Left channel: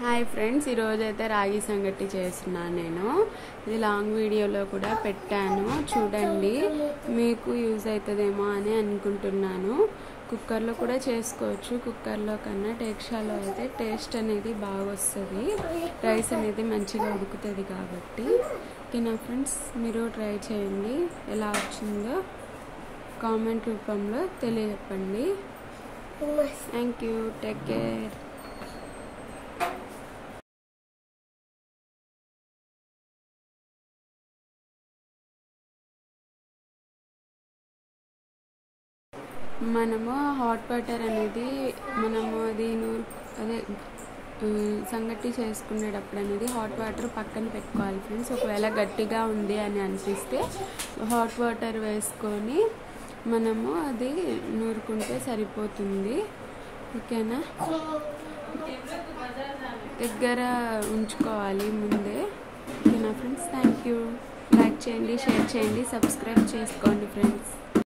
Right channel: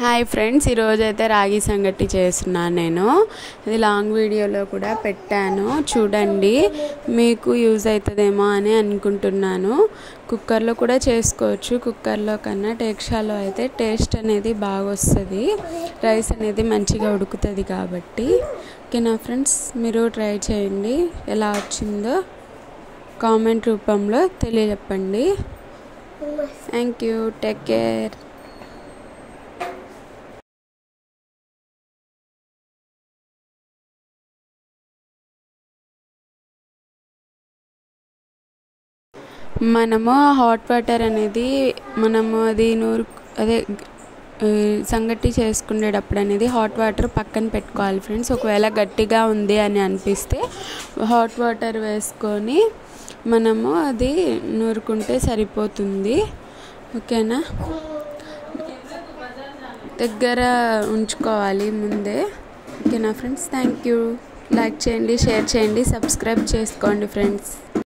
Hi friends, ఈరోజైతే రాగి సంగటి చేస్తున్నాను నేను. ఇది లాంగ్ వీడియోలో కూడా పెట్టాను, చూడండి. మీకు యూజ్ అవుతుందేమో అని అనుకుంటున్నాను. కుక్కర్లో కూడా చేసుకోవచ్చు. కుక్కర్లో కన్నా టేక్షాలో అయితే టేస్ట్ అనేది బాగా వస్తుంది. రైస్ అనేది మంచిగా ఉడుకుతుంది కాబట్టి. ఓకేనా ఫ్రెండ్స్, మీరు ట్రై చేయండి. ఎలా వచ్చిందో కామెంట్ రూపంలో తెలియజెప్పండి. Thank you, take care. మనము హాట్ వాటర్ అనేది సంగటి చేసుకునేటప్పుడు అనేది హాట్ వాటర్ పక్కన పెట్టుకోవాలి ఫ్రెండ్స్. ఒకవేళ గట్టిగా ఉంది అని అనిపిస్తే హాట్ వాటర్ వేసుకొని మనము అది నూరుకుంటే సరిపోతుంది. ఓకేనా, దగ్గర ఉంచుకోవాలి ముందే. ఓకేనా ఫ్రెండ్స్, థ్యాంక్ యూ. లైక్ చేయండి, షేర్ చేయండి, సబ్స్క్రైబ్ చేసుకోండి ఫ్రెండ్స్.